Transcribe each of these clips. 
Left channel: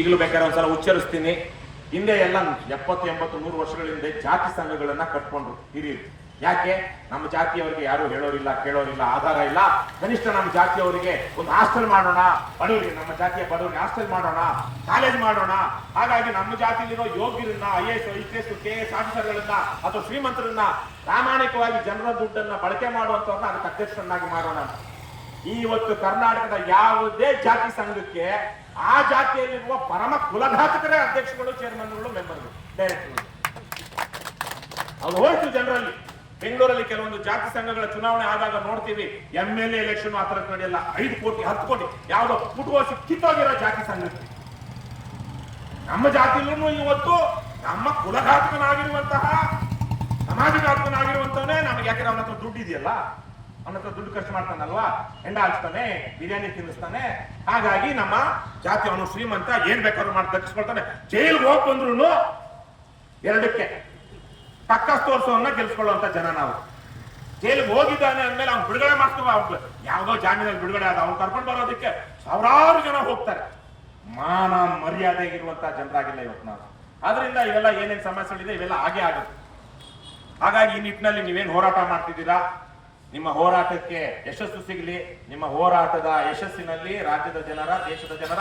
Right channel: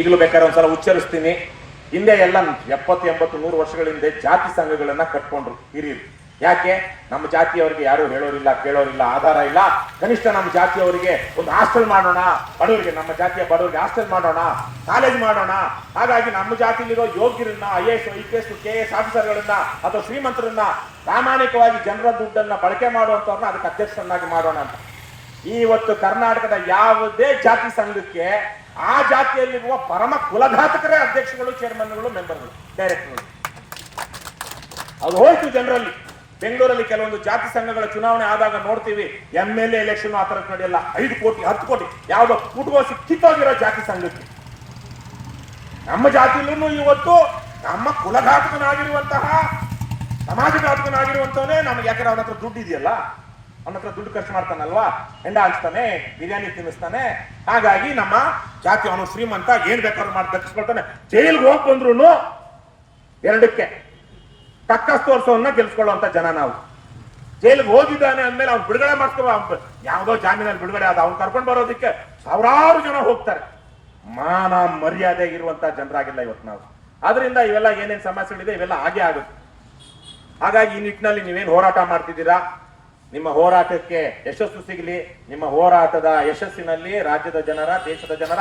ಈಗಲೂ ಬೇಕಾದ್ರೆ ಒಂದ್ಸಲ ಉಚ್ಚರಿಸ್ತೀನಿ. ಹಿಂದೆ ಎಲ್ಲ 70, 80, 100 ವರ್ಷಗಳ ಹಿಂದೆ ಜಾತಿ ಸಂಘಗಳನ್ನ ಕಟ್ಕೊಂಡ್ರು ಹಿರಿಯರು. ಯಾಕೆ? ನಮ್ಮ ಜಾತಿಯವರಿಗೆ ಯಾರು ಹೇಳೋರಿಲ್ಲ, ಕೇಳೋರಿಲ್ಲ, ಆಧಾರ ಇಲ್ಲ. ಕನಿಷ್ಠ ನಮ್ಮ ಜಾತಿಯವರಿಗೆ ಒಂದು ಹಾಸ್ಟೆಲ್ ಮಾಡೋಣ, ಬಡವರಿಗೆ, ನಮ್ಮ ಜಾತಿಯ ಬಡವರಿಗೆ ಹಾಸ್ಟೆಲ್ ಮಾಡೋಣ, ಕಾಲೇಜ್ ಮಾಡೋಣ. ಹಾಗಾಗಿ ನಮ್ಮ ಜಾತಿಯಲ್ಲಿರೋ ಯೋಗ್ಯರನ್ನ, IAS, IPS, KS ಆಫೀಸರ್ಗಳನ್ನ ಅಥವಾ ಶ್ರೀಮಂತರನ್ನ ಪ್ರಾಮಾಣಿಕವಾಗಿ ಜನರ ದುಡ್ಡನ್ನ ಬಳಕೆ ಮಾಡುವಂತವ್ರನ್ನ ಅದಕ್ಕೆ ಅಧ್ಯಕ್ಷರನ್ನಾಗಿ ಮಾಡೋಣ ಅಂತ. ಇವತ್ತು ಕರ್ನಾಟಕದ ಯಾವುದೇ ಜಾತಿ ಸಂಘಕ್ಕೆ ಆ ಜಾತಿಯಲ್ಲಿರುವ ಪರಮ ಕುಲಘಾತಕರೇ ಅಧ್ಯಕ್ಷಗಳು, ಚೇರ್ಮನ್ಗಳು, ಮೆಂಬರ್ಗಳು, ಡೈರೆಕ್ಟರ್ಗಳು. ಅದು ಹೋಯ್ತು ಜನರಲ್ಲಿ. ಬೆಂಗಳೂರಲ್ಲಿ ಕೆಲವೊಂದು ಜಾತಿ ಸಂಘಗಳ ಚುನಾವಣೆ ಆದಾಗ ನೋಡ್ತೀವಿ, MLA ಎಲೆಕ್ಷನ್ ಆ ತರಕ್ಕೆ ನಡೆಯಲ್ಲ. 5 ಕೋಟಿ 10 ಕೋಟಿ ಯಾವುದೋ ಪುಟ್ಗೋಸಿ ಕಿತ್ತೋಗಿರೋ ಜಾತಿ ಸಂಘಕ್ಕೆ. ನಮ್ಮ ಜಾತಿಯಲ್ಲೂ ಇವತ್ತು ನಮ್ಮ ಕುಲಘಾತಕನಾಗಿರುವಂತಹ, ಸಮಾಜಘಾತಕನಾಗಿರುವಂತವನೇ ನಮ್ಗೆ, ಯಾಕಂದ್ರೆ ಅವನ ಹತ್ರ ದುಡ್ಡು ಇದೆಯಲ್ಲ, ಅವನ ಹತ್ರ ದುಡ್ಡು ಖರ್ಚು ಮಾಡ್ತಾನಲ್ವಾ, ಹೆಂಡ ಹಾಕ್ತಾನೆ, ಬಿರಿಯಾನಿ ತಿನ್ನಿಸ್ತಾನೆ. ಹಾಗಾಗಿ ನಮ್ಮ ಜಾತಿ ಅವನು ಶ್ರೀಮಂತ, ಏನ್ ಬೇಕಾದ್ರೂ ಮಾಡಿ ದಕ್ಕಿಸ್ಕೊಳ್ತಾನೆ. ಜೈಲ್ಗೆ ಹೋಗಿ ಬಂದ್ರು ಎರಡಕ್ಕೆ ಟಕ್ಕಸ್ ತೋರ್ಸೋನ್ನ ಗೆಲ್ಸ್ಕೊಳ್ಳುವಂತ ಜನ ನಾವು. ಜೈಲಿಗೆ ಹೋಗಿದ್ದಾನೆ ಅಂದ್ಮೇಲೆ ಅವ್ನು ಬಿಡುಗಡೆ ಮಾಡ್ಕೋ, ಯಾವ್ದೋ ಜಾಮೀನಲ್ಲಿ ಬಿಡುಗಡೆ ಆದ ಅವ್ನು ಕರ್ಕೊಂಡು ಬರೋದಕ್ಕೆ ಸಾವಿರಾರು ಜನ ಹೋಗ್ತಾರೆ. ಮಾನ ಮರ್ಯಾದೆ ಇರುವಂತ ಜನರಾಗಿಲ್ಲ ಇವತ್ತು ನಾವು. ಆದ್ರಿಂದ ಇವೆಲ್ಲ ಏನೇನ್ ಸಮಸ್ಯೆಗಳಿದೆ ಇವೆಲ್ಲ ಹಾಗೆ ಆಗುತ್ತೆ. ಹಾಗಾಗಿ ಈ ನಿಟ್ಟಿನಲ್ಲಿ ನೀವೇನ್ ಹೋರಾಟ ಮಾಡ್ತಿದ್ದೀರಾ, ನಿಮ್ಮ ಹೋರಾಟಕ್ಕೆ ಯಶಸ್ಸು ಸಿಗಲಿ. ನಿಮ್ಮ ಹೋರಾಟದ ಯಶಸ್ಸಿನಲ್ಲಿ ರಾಜ್ಯದ ಜನರ, ದೇಶದ ಜನರ,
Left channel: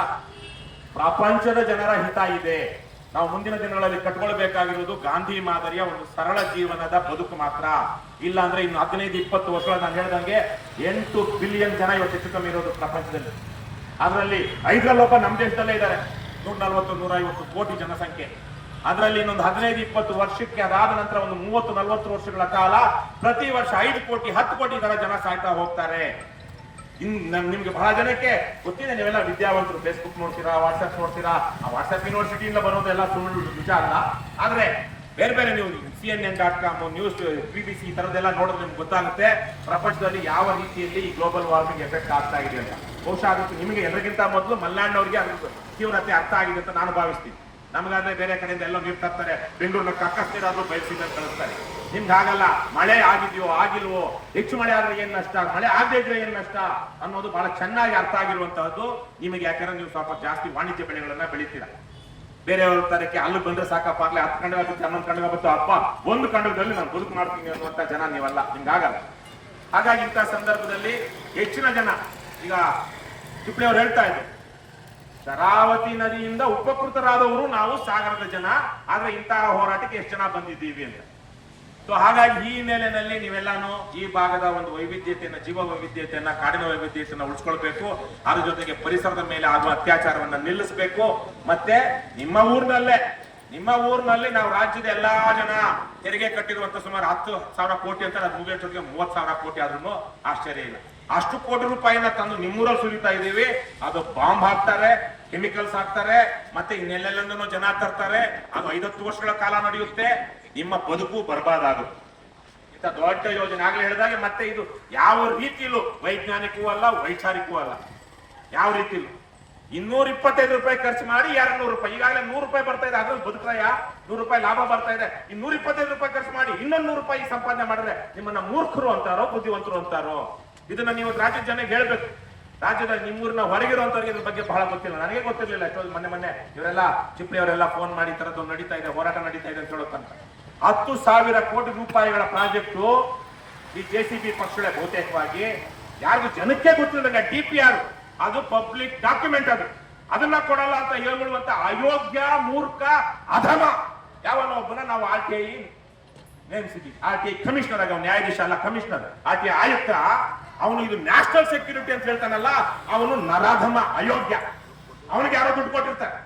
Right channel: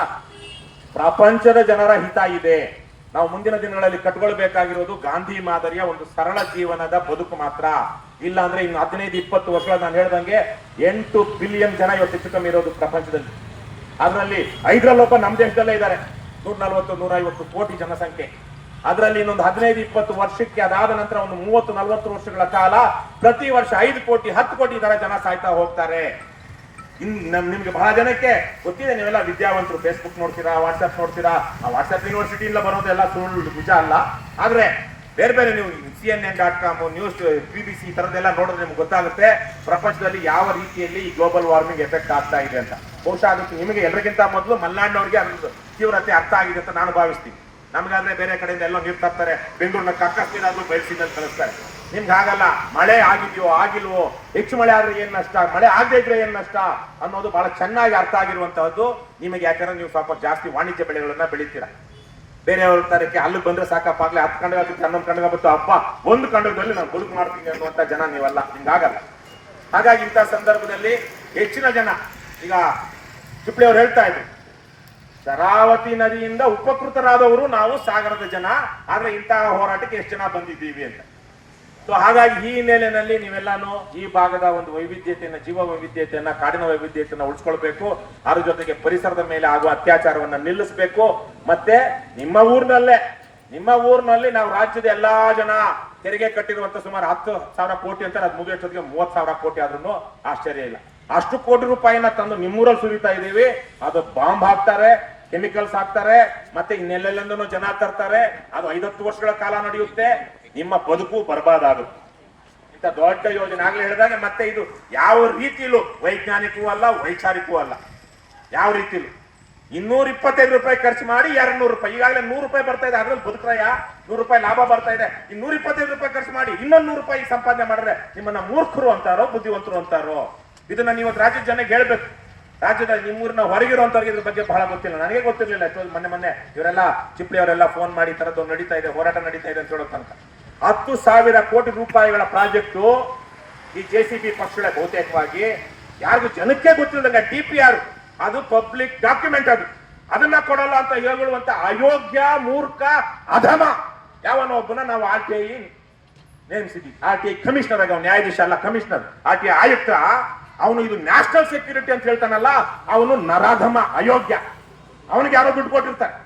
ಪ್ರಪಂಚದ ಜನರ ಹಿತ ಇದೆ. ನಾವು ಮುಂದಿನ ದಿನಗಳಲ್ಲಿ ಕಟ್ಕೊಳ್ಬೇಕಾಗಿರೋದು ಗಾಂಧಿ ಮಾದರಿಯ ಒಂದು ಸರಳ ಜೀವನದ ಬದುಕು ಮಾತ್ರ. ಇಲ್ಲ ಅಂದ್ರೆ ಇನ್ನು 15-20 ವರ್ಷಗಳ ನಾನು ಹೇಳ್ದಂಗೆ 8 ಬಿಲಿಯನ್ ಜನ ಇವತ್ತು ಹೆಚ್ಚು ಕಮ್ಮಿ ಇರೋದು ಪ್ರಪಂಚದಲ್ಲಿ. ಅದರಲ್ಲಿ 5 ನಮ್ಮ ದೇಶದಲ್ಲೇ ಇದ್ದಾರೆ. 140-150 ಕೋಟಿ ಜನಸಂಖ್ಯೆ. ಅದರಲ್ಲಿ ಇನ್ನೊಂದು 15-20 ವರ್ಷಕ್ಕೆ, ಅದಾದ ನಂತರ ಒಂದು 30-40 ವರ್ಷಗಳ ಕಾಲ ಪ್ರತಿ ವರ್ಷ 5 ಕೋಟಿ 10 ಕೋಟಿ ಜನ ಸಾಯ್ತಾ ಹೋಗ್ತಾರೆ. ನಿಮ್ಗೆ ಬಹಳ ಜನಕ್ಕೆ ಗೊತ್ತಿದೆ, ನೀವೆಲ್ಲ ವಿದ್ಯಾವಂತರು, ಫೇಸ್ಬುಕ್ ನೋಡ್ತೀರಾ, ವಾಟ್ಸ್ಆಪ್ ನೋಡ್ತೀರಾ. ಆ ವಾಟ್ಸ್ಆಪ್ ಯೂನಿವರ್ಸಿಟಿಯಿಂದ ಬರೋದೆಲ್ಲ ಸುಳ್ಳು, ನಿಜ ಅಲ್ಲ. ಆದ್ರೆ ಬೇರೆ ಬೇರೆ ನೀವು CNN.com, ನ್ಯೂಸ್, BBC ಈ ತರದೆಲ್ಲ ನೋಡಿದ್ರೆ ನಿಮ್ಗೆ ಗೊತ್ತಾಗುತ್ತೆ ಪ್ರಪಂಚದಲ್ಲಿ ಯಾವ ರೀತಿಯಲ್ಲಿ ಈ ಗ್ಲೋಬಲ್ ವಾರ್ಮಿಂಗ್ ಎಫೆಕ್ಟ್ ಆಗ್ತಾ ಇದೆ ಅಂತ. ಬಹುಶಃ ಅದಕ್ಕೆ ನಿಮಗೆ ಎಲ್ಲರಿಗಿಂತ ಮೊದಲು ಮಲ್ನಾಡಿನವ್ರಿಗೆ ಅದ್ರ ತೀವ್ರತೆ ಅರ್ಥ ಆಗಿದೆ ಅಂತ ನಾನು ಭಾವಿಸ್ತೀನಿ. ನಮ್ಗಾದ್ರೆ ಬೇರೆ ಕಡೆಯಿಂದ ಎಲ್ಲ ನೀರು ತರ್ತಾರೆ, ಬೆಂಗಳೂರಿನ ಕಕ್ಕಸ್ ನೀರಾದ್ರೂ ಬಯಸಿದಲ್ಲಿ ಕಳಿಸ್ತಾರೆ. ನಿಮ್ಗೆ ಆಗಲ್ಲ. ಮಳೆ ಆಗಿದ್ಯೋ ಆಗಿಲ್ವೋ, ಹೆಚ್ಚು ಮಳೆ ಆದ್ರೆ ಏನ್ ನಷ್ಟ, ಮಳೆ ಆಗದೆ ಇದ್ರೆ ಏನ್ ನಷ್ಟ ಅನ್ನೋದು ಬಹಳ ಚೆನ್ನಾಗಿ ಅರ್ಥ ಆಗಿರುವಂತಹದ್ದು ನಿಮಗೆ. ಯಾಕಂದ್ರೆ ನೀವು ಸ್ವಲ್ಪ ಜಾಸ್ತಿ ವಾಣಿಜ್ಯ ಬೆಳೆಗಳನ್ನ ಬೆಳಿತೀರ. ಬೇರೆಯವ್ರ ತರಕ್ಕೆ ಅಲ್ಲಿ ಬಂದ್ರೆ ಸಾಕಪ್ಪ, ಆಗ್ಲೇ 10 ಕಂಡಗ ಆಗುತ್ತೆ, 11 ಕಂಡಗ ಬತ್ತು, ಅಪ್ಪ 1 ಕಂಡದಲ್ಲಿ ನಾನು ಬದುಕು ಮಾಡ್ತೀನಿ ಅನ್ನುವಂತ ಜನ ನೀವಲ್ಲ, ನಿಮ್ಗಾಗಲ್ಲ. ಹಾಗಾಗಿ ಇಂಥ ಸಂದರ್ಭದಲ್ಲಿ ಹೆಚ್ಚಿನ ಜನ, ಈಗ ಚಿಪ್ಳಿ ಅವ್ರು ಹೇಳ್ತಾ ಇದ್ರು, ಶರಾವತಿ ನದಿಯಿಂದ ಉಪಕೃತರಾದವರು ನಾವು ಸಾಗರದ ಜನ, ಆದ್ರೆ ಇಂತಹ ಹೋರಾಟಕ್ಕೆ ಎಷ್ಟು ಜನ ಬಂದಿದ್ದೀವಿ ಅಂತ. ಸೊ ಹಾಗಾಗಿ ಈ ಹಿನ್ನೆಲೆಯಲ್ಲಿ ನೀವೆಲ್ಲಾನು ಈ ಭಾಗದ ಒಂದು ವೈವಿಧ್ಯತೆಯನ್ನ, ಜೀವ ವೈವಿಧ್ಯತೆಯನ್ನ, ಕಾಡಿನ ವೈವಿಧ್ಯತೆಯನ್ನ ಉಳಿಸ್ಕೊಳ್ಬೇಕು. ಅದ್ರ ಜೊತೆಗೆ ಪರಿಸರದ ಮೇಲೆ ಆಗುವ ಅತ್ಯಾಚಾರವನ್ನ ನಿಲ್ಲಿಸಬೇಕು. ಮತ್ತೆ ನಿಮ್ಮ ಊರಿನಲ್ಲಿ ನಾವು ರಾಜ್ಯದ ಎಲ್ಲಾ ಜನ ತೆರಿಗೆ ಕಟ್ಟಿರುವಂತ ಸುಮಾರು 10,000 ಕೋಟಿ ಅಂತ, ಅದು ಮುಗಿಯೋಷ್ಟೊತ್ತಿಗೆ 30,000 ಕೋಟಿ ಆದ್ರೂ ಆಶ್ಚರ್ಯ ಇಲ್ಲ. ಅಷ್ಟು ಕೋಟಿ ರೂಪಾಯಿನ ತಂದು ನಿಮ್ಮೂರಲ್ಲಿ ಸುರಿತಾ ಇದೀವಿ. ಅದು ಬಾಂಬ್ ಹಾಕ್ತಾರೆ, ಕೆಮಿಕಲ್ಸ್ ಹಾಕ್ತಾರೆ, ಮತ್ತೆ ಇನ್ನೆಲ್ಲೆಲ್ಲಂದೂ ಜನ ತರ್ತಾರೆ. ಅದು 5-10 ವರ್ಷಗಳ ಕಾಲ ನಡೆಯುತ್ತೆ. ನಿಮ್ಮ ಬದುಕು ಬರ್ಬಾದಾಗುತ್ತೆ. ಇಂಥ ದೊಡ್ಡ ಯೋಜನೆ ಆಗ್ಲೇ ಹೇಳಿದಾಗ, ಮತ್ತೆ ಇದು ಯಾವ ರೀತಿಯಲ್ಲೂ ವೈಜ್ಞಾನಿಕವೂ ಅಲ್ಲ, ವೈಚಾರಿಕವೂ ಅಲ್ಲ. ಯಾವ ರೀತಿಯಲ್ಲೂ 225 ರೂಪಾಯಿ ಖರ್ಚು ಮಾಡಿ 200 ರೂಪಾಯಿ, ಈಗಾಗಲೇ 100 ರೂಪಾಯಿ ಬರ್ತಾ ಇದೆ, ಅದ್ರಲ್ಲಿ ಬದುಕ್ರಯ್ಯ, 100 ರೂಪಾಯಿ ಲಾಭ ಬರ್ತಾ ಇದೆ. 125 ರೂಪಾಯಿ ಖರ್ಚು ಮಾಡಿ ಇನ್ನೊಂದು 100 ರೂಪಾಯಿ ಸಂಪಾದನೆ ಮಾಡಿದ್ರೆ ನಿಮ್ಮನ್ನ ಮೂರ್ಖರು ಅಂತಾರೋ, ಬುದ್ಧಿವಂತರು ಅಂತಾರೋ? ಇದನ್ನ ನೀವು ರಾಜ್ಯದ ಜನಕ್ಕೆ ಹೇಳ್ಬೇಕು. ರಾಜ್ಯದ ನಿಮ್ಮೂರಿನ ಹೊರಗಿರುವಂತವ್ರಿಗೆ ಇದ್ರ ಬಗ್ಗೆ ಬಹಳ ಗೊತ್ತಿಲ್ಲ. ನನಗೆ ಗೊತ್ತಿರ್ಲಿಲ್ಲ. ಮೊನ್ನೆ ಇವರೆಲ್ಲ ಚಿಪ್ಳಿ ಅವರೆಲ್ಲ ಫೋನ್ ಮಾಡಿ ತರದ್ದು ನಡೀತಾ ಇದೆ, ಹೋರಾಟ ನಡೀತಾ ಇದೆ ಅಂತ ಹೇಳೋ ತನಕ 10,000 ಕೋಟಿ ರೂಪಾಯಿಗಳ ಪ್ರಾಜೆಕ್ಟು ಈ JCB ಪಕ್ಷಗಳೇ ಬಹುತೇಕವಾಗಿ, ಯಾರಿಗೂ ಜನಕ್ಕೆ ಗೊತ್ತಿಲ್ಲದಂಗ DPR, ಅದು ಪಬ್ಲಿಕ್ ಡಾಕ್ಯುಮೆಂಟ್, ಅದನ್ನ ಕೊಡಲ್ಲ ಅಂತ ಹೇಳುವಂತ ಅಯೋಗ್ಯ, ಮೂರ್ಖ, ಅಧಮ ಯಾವನೋ ಒಬ್ಬನ ನಾವು RTI ನೇಮಿಸಿದ್ವಿ. RTI ಕಮಿಷನರ್ ಆಗಿ, ನ್ಯಾಯಾಧೀಶ ಅಲ್ಲ, ಕಮಿಷನರ್, RTI ಆಯುಕ್ತ. ಅವನು ಇದು ನ್ಯಾಷನಲ್ ಸೆಕ್ಯೂರಿಟಿ ಅಂತ ಹೇಳ್ತಾನಲ್ಲ, ಅವನು ನರಾಧಮ, ಅಯೋಗ್ಯ. ಅವನಿಗೆ ಯಾರೋ ದುಡ್ಡು ಕೊಟ್ಟಿರ್ತಾರೆ,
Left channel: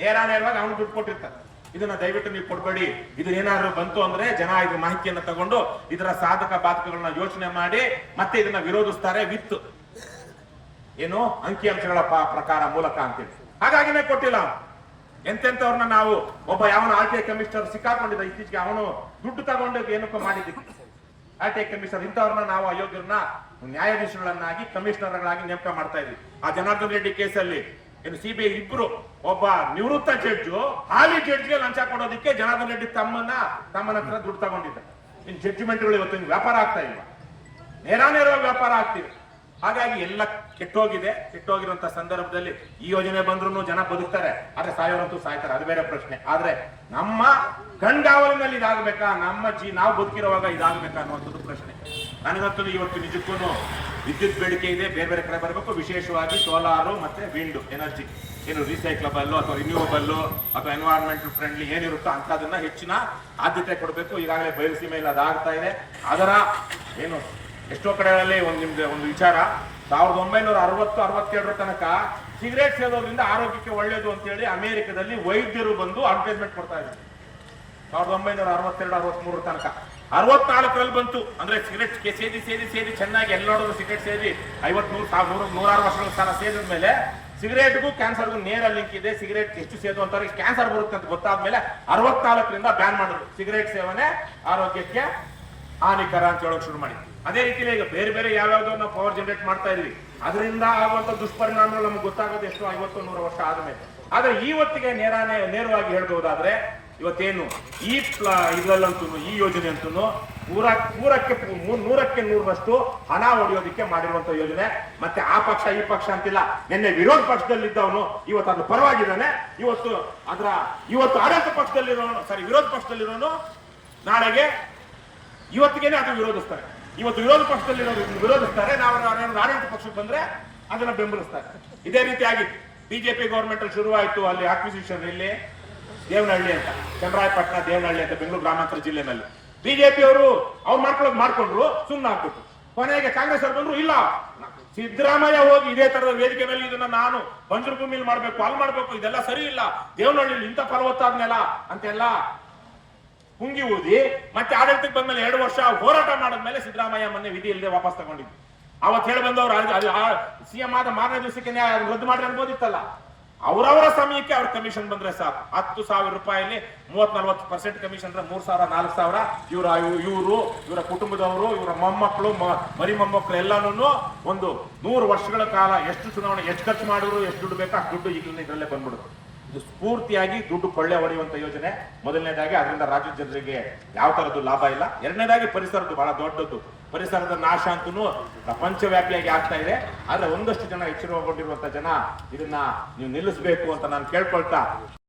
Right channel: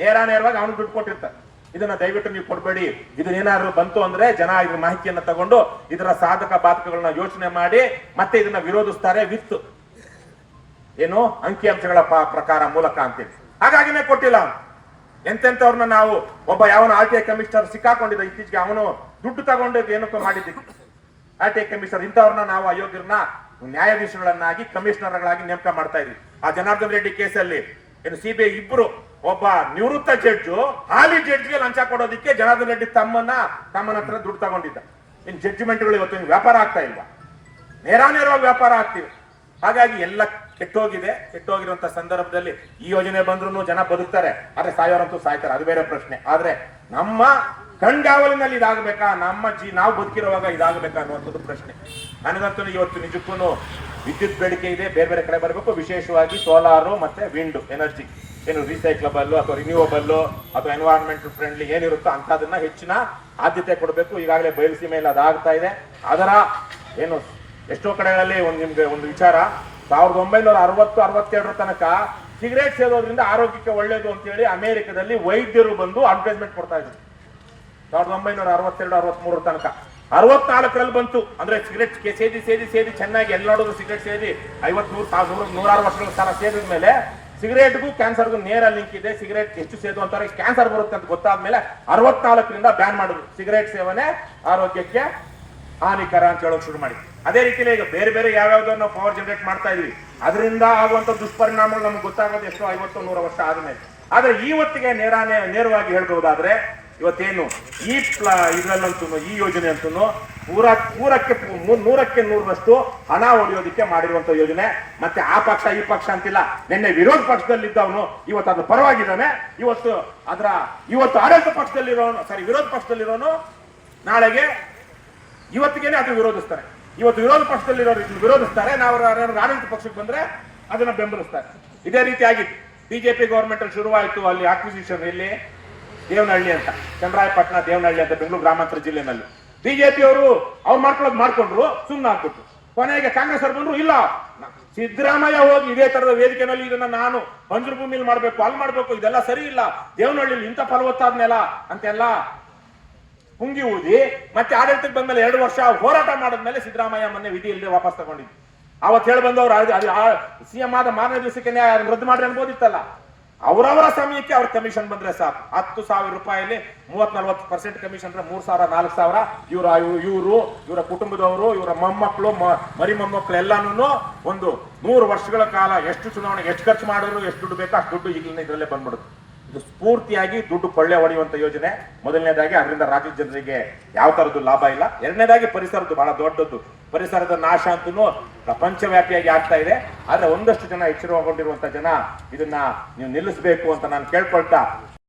ನೇರವಾಗಿ ಅವನು ದುಡ್ಡು ಕೊಟ್ಟಿರ್ತಾರೆ. ಇದನ್ನ ದಯವಿಟ್ಟು ನೀವು ಕೊಡ್ಬೇಡಿ. ಇದನ್ನೇನಾದ್ರು ಬಂತು ಅಂದ್ರೆ ಜನ ಇದ್ರ ಮಾಹಿತಿಯನ್ನ ತಗೊಂಡು ಇದರ ಸಾಧಕ ಬಾಧಕಗಳನ್ನ ಯೋಚನೆ ಮಾಡಿ ಮತ್ತೆ ಇದನ್ನ ವಿರೋಧಿಸ್ತಾರೆ ವಿತ್ ಏನು ಅಂಕಿಅಂಶಗಳ ಪ್ರಕಾರ ಮೂಲಕ ಅಂತೇಳಿ. ಹಾಗಾಗಿನೇ ಕೊಟ್ಟಿಲ್ಲ. ಎಂತೆಂತವ್ರನ್ನ ನಾವು, ಒಬ್ಬ ಯಾವನ RTI ಕಮಿಷನರ್ ಸಿಕ್ಕಾಕೊಂಡಿದ್ದ ಇತ್ತೀಚೆಗೆ, ಅವನು ದುಡ್ಡು ತಗೊಂಡು ಏನಕ್ಕೂ ಮಾಡಿದ್ದಕ್ಕೆ RTI ಕಮಿಷನರ್, ಇಂಥವ್ರನ್ನ ನಾವು ಅಯೋಗ್ಯರನ್ನ ನ್ಯಾಯಾಧೀಶಗಳನ್ನಾಗಿ, ಕಮಿಷನರ್ಗಳಾಗಿ ನೇಮಕ ಮಾಡ್ತಾ ಇದ್ವಿ. ಆ ಜನಾರ್ದನ್ ರೆಡ್ಡಿ ಕೇಸಲ್ಲಿ ಏನು CBI ಇಬ್ರು, ಒಬ್ಬ ನಿವೃತ್ತ ಜಡ್ಜು ಹಾಲಿ ಜಡ್ಜ್ಗೆ ಲಂಚ ಕೊಡೋದಕ್ಕೆ ಜನಾರ್ದನ್ ರೆಡ್ಡಿ ತಮ್ಮನ ಹತ್ರ ದುಡ್ಡು ತಗೊಂಡಿದ್ದ. ಇನ್ ಜಡ್ಜ್ಮೆಂಟ್ಗಳು ಇವತ್ತು ವ್ಯಾಪಾರ ಆಗ್ತಾ ಇಲ್ಲ, ನೇರವಾಗಿ ವ್ಯಾಪಾರ ಆಗ್ತಿವೆ. ಹಾಗಾಗಿ ಎಲ್ಲ ಕೆಟ್ಟೋಗಿರುವಂತ ಸಂದರ್ಭದಲ್ಲಿ ಈ ಯೋಜನೆ ಬಂದ್ರು ಜನ ಬದುಕ್ತಾರೆ, ಆದ್ರೆ ಸಾಯೋರಂತೂ ಸಾಯ್ತಾರೆ, ಅದು ಬೇರೆ ಪ್ರಶ್ನೆ. ಆದ್ರೆ ನಮ್ಮ ಕಣ್ಗಾವಲಿನಲ್ಲಿ ಇದಾಗಬೇಕಾ, ನಾವು ಬದುಕಿರುವಾಗ ಇದಾಗಬೇಕಾ ಅನ್ನುವಂಥದ್ದು ಪ್ರಶ್ನೆ. ನನಗಂತೂ ಇವತ್ತು ನಿಜಕ್ಕೂ ವಿದ್ಯುತ್ ಬೇಡಿಕೆ ಇದೆ, ಬೇರೆ ಬೇರೆ ಕಡೆ ಬರಬೇಕು. ವಿಶೇಷವಾಗಿ ಸೋಲಾರು ಮತ್ತೆ ವಿಂಡ್ ಎನರ್ಜಿ, ಏನು ರೀಸೈಕ್ಲಬಲ್ ಅಥವಾ ರಿನ್ಯೂವಬಲ್ ಅಥವಾ ಎನ್ವೈರನ್ಮೆಂಟಲ್ ಫ್ರೆಂಡ್ಲಿ ಏನಿರುತ್ತೋ ಅಂತದನ್ನ ಹೆಚ್ಚಿನ ಆದ್ಯತೆ ಕೊಡಬೇಕು. ಈಗಾಗಲೇ ಬಯಲುಸೀಮೆಯಲ್ಲಿ ಅದಾಗ್ತಾ ಇದೆ. ಅದರ ಏನು ಎಷ್ಟೋ ಕಡೆಗಳಲ್ಲಿ ನಿಮ್ಗೆ ಒಂದು ವಿಚಾರ, 1960-62 ತನಕ ಸಿಗರೇಟ್ ಸೇದೋದ್ರಿಂದ ಆರೋಗ್ಯಕ್ಕೆ ಒಳ್ಳೇದು ಅಂತ ಹೇಳಿ ಅಮೆರಿಕದಲ್ಲಿ ವೈದ್ಯರು ಬಂದು ಅಡ್ವರ್ಟೈಸ್ಮೆಂಟ್ ಕೊಡ್ತಾ ಇದ್ರು. 1962-63 ತನಕ. 64ರಲ್ಲಿ ಬಂತು. ಅಂದ್ರೆ ಸಿಗರೇಟ್ ಸೇದಿ ಚೆನ್ನಾಗಿ ಎಲ್ಲ ನೋಡಿದ್ರು ಸಿಗರೇಟ್ ಸೇದಿ 50-100 ವರ್ಷಗಳ ಕಾಲ ಸೇದಿದ ಮೇಲೆ ಸಿಗರೇಟ್ಗೂ ಕ್ಯಾನ್ಸರ್ಗೂ ನೇರ ಲಿಂಕ್ ಇದೆ. ಸಿಗರೇಟ್ ಹೆಚ್ಚು ಸೇದು ಅಂತಾರೆ, ಕ್ಯಾನ್ಸರ್ ಬರುತ್ತೆ ಅಂತ ಗೊತ್ತಾದ್ಮೇಲೆ 64ರಿಂದ ಬ್ಯಾನ್ ಮಾಡಿದ್ರು. ಸಿಗರೇಟ್ ಸೇವನೆ ಆರೋಗ್ಯಕ್ಕೆ ಹಾನಿಕರ ಅಂತ ಹೇಳೋಕೆ ಶುರು ಮಾಡಿ. ಅದೇ ರೀತಿಯಲ್ಲಿ ಈಗ ಬೇರೆ ಬೇರೆ ಯಾವ್ಯಾವ್ದೋ ನಾವು ಪವರ್ ಜನರೇಟ್ ಮಾಡ್ತಾ ಇದೀವಿ, ಅದರಿಂದ ಆಗುವಂತ ದುಷ್ಪರಿಣಾಮಗಳು ನಮ್ಗೆ ಗೊತ್ತಾಗೋದು ಎಷ್ಟೋ 50-100 ವರ್ಷ ಆದ್ಮೇಲೆ. ಆದ್ರೆ ಇವತ್ತಿಗೆ ನೇರವಾಗಿ ಹೇಳ್ಬಹುದಾದ್ರೆ ಇವತ್ತೇನು ಈ ಇದ್ರಲ್ಲಂತೂ ಈ ಯೋಜನೆ ಅಂತೂ 100% ಹಣ ಹೊಡೆಯೋದಕ್ಕೆ ಮಾಡಿರುವಂತ ಯೋಜನೆ. ಮತ್ತೆ ಆ ಪಕ್ಷ ಈ ಪಕ್ಷ ಅಂತಿಲ್ಲ. ನಿನ್ನೆ ವಿರೋಧ ಪಕ್ಷದಲ್ಲಿದ್ದವನು ಇವತ್ತು ಅದು ಪರವಾಗಿದ್ದಾನೆ, ಇವತ್ತು ಆಡಳಿತ ಪಕ್ಷದಲ್ಲಿರೋನು ವಿರೋಧ ಪಕ್ಷದಲ್ಲಿರೋನು ನಾಳೆಗೆ ಇವತ್ತಿಗೇನೆ ಅದು ವಿರೋಧಿಸ್ತಾರೆ. ಇವತ್ತು ವಿರೋಧ ಪಕ್ಷದಲ್ಲಿರೋರು ವಿರೋಧಿಸ್ತಾರೆ, ನಾವು ಆಡಳಿತ ಪಕ್ಷಕ್ಕೆ ಬಂದ್ರೆ ಅದನ್ನ ಬೆಂಬಲಿಸ್ತಾರೆ. ಇದೇ ರೀತಿಯಾಗಿ ಬಿಜೆಪಿ ಗವರ್ಮೆಂಟ್ ಅಲ್ಲಿ ಶುರುವಾಯಿತು. ಅಲ್ಲಿ ಆಕ್ವಿಸಿಷನ್ ಇಲ್ಲಿ ದೇವನಹಳ್ಳಿ ಅಂತ, ಚನ್ನರಾಯಪಟ್ಟಣ ದೇವನಹಳ್ಳಿ ಅಂತ ಬೆಂಗಳೂರು ಗ್ರಾಮಾಂತರ ಜಿಲ್ಲೆನಲ್ಲಿ ಬಿಜೆಪಿ ಅವರು ಮಾಡ್ಕೊಂಡ್ರು, ಸುಮ್ಮನೆ ಹಾಕ್ಬಿಟ್ರು. ಕೊನೆಗೆ ಕಾಂಗ್ರೆಸ್ ಅವರು ಬಂದ್ರು, ಇಲ್ಲ ಸಿದ್ದರಾಮಯ್ಯ ಹೋಗಿ ಇದೇ ತರದ ವೇದಿಕೆನಲ್ಲಿ ಇದನ್ನ ನಾನು ಬಂಜರು ಭೂಮಿಲಿ ಮಾಡ್ಬೇಕು, ಅಲ್ಲಿ ಮಾಡ್ಬೇಕು, ಇದೆಲ್ಲ ಸರಿ ಇಲ್ಲ, ದೇವನಹಳ್ಳಿಲಿ ಇಂಥ ಫಲವತ್ತಾದ ನೆಲ ಅಂತೆಲ್ಲ ಪುಂಗಿ ಊದಿ ಮತ್ತೆ ಆಡಳಿತಕ್ಕೆ ಬಂದ್ಮೇಲೆ 2 ವರ್ಷ ಹೋರಾಟ ಮಾಡಿದ್ಮೇಲೆ ಸಿದ್ದರಾಮಯ್ಯ ಮೊನ್ನೆ ವಿಧಿ ಇಲ್ಲದೆ ವಾಪಸ್ ತಗೊಂಡಿದ್ದು. ಅವತ್ತು ಹೇಳಿ ಬಂದವ್ರು ಸಿಎಂ ಆದ ಮಾರನೇ ದಿವಸಕ್ಕೆ ರದ್ದು ಮಾಡ್ರಿ ಅನ್ಬೋದಿತ್ತಲ್ಲ. ಅವರವರ ಸಮಯಕ್ಕೆ ಅವ್ರ ಕಮಿಷನ್ ಬಂದ್ರೆ ಸಾಕು. 10,000 ರೂಪಾಯಿಲಿ 30-40% ಕಮಿಷನ್ ಅಂದ್ರೆ 3,000-4,000 ಇವರ ಕುಟುಂಬದವರು, ಇವರ ಮೊಮ್ಮಕ್ಕಳು, ಮರಿ ಮೊಮ್ಮಕ್ಕಳು ಎಲ್ಲಾನು ಒಂದು 100 ವರ್ಷಗಳ ಕಾಲ ಎಷ್ಟು ಚುನಾವಣೆ ಎಷ್ಟು ಖರ್ಚು ಮಾಡಿದ್ರು, ಎಷ್ಟು ದುಡ್ಡು ಬೇಕೋ ಅಷ್ಟು ದುಡ್ಡು ಈಗಲೇ ಇದರಲ್ಲೇ ಬಂದ್ಬಿಡುತ್ತೆ. ಇದು ಸ್ಫೂರ್ತಿಯಾಗಿ ದುಡ್ಡು ಕೊಳ್ಳೆ ಹೊಡೆಯುವಂತ ಯೋಜನೆ. ಮೊದಲನೇದಾಗಿ ಅದರಿಂದ ರಾಜ್ಯದ ಜನರಿಗೆ ಯಾವ ತರದ್ದು ಲಾಭ ಇಲ್ಲ. ಎರಡನೇದಾಗಿ ಪರಿಸರದ್ದು ಬಹಳ ದೊಡ್ಡದ್ದು. ಪರಿಸರದ ನಾಶ ಅಂತೂ ಪ್ರಪಂಚವ್ಯಾಪಿಯಾಗಿ ಆಗ್ತಾ ಇದೆ. ಆದ್ರೆ ಒಂದಷ್ಟು ಜನ ಎಚ್ಚರಗೊಂಡಿರುವಂತ ಜನ ಇದನ್ನ ನೀವು ನಿಲ್ಲಿಸಬೇಕು ಅಂತ ನಾನು ಕೇಳ್ಕೊಳ್ತಾ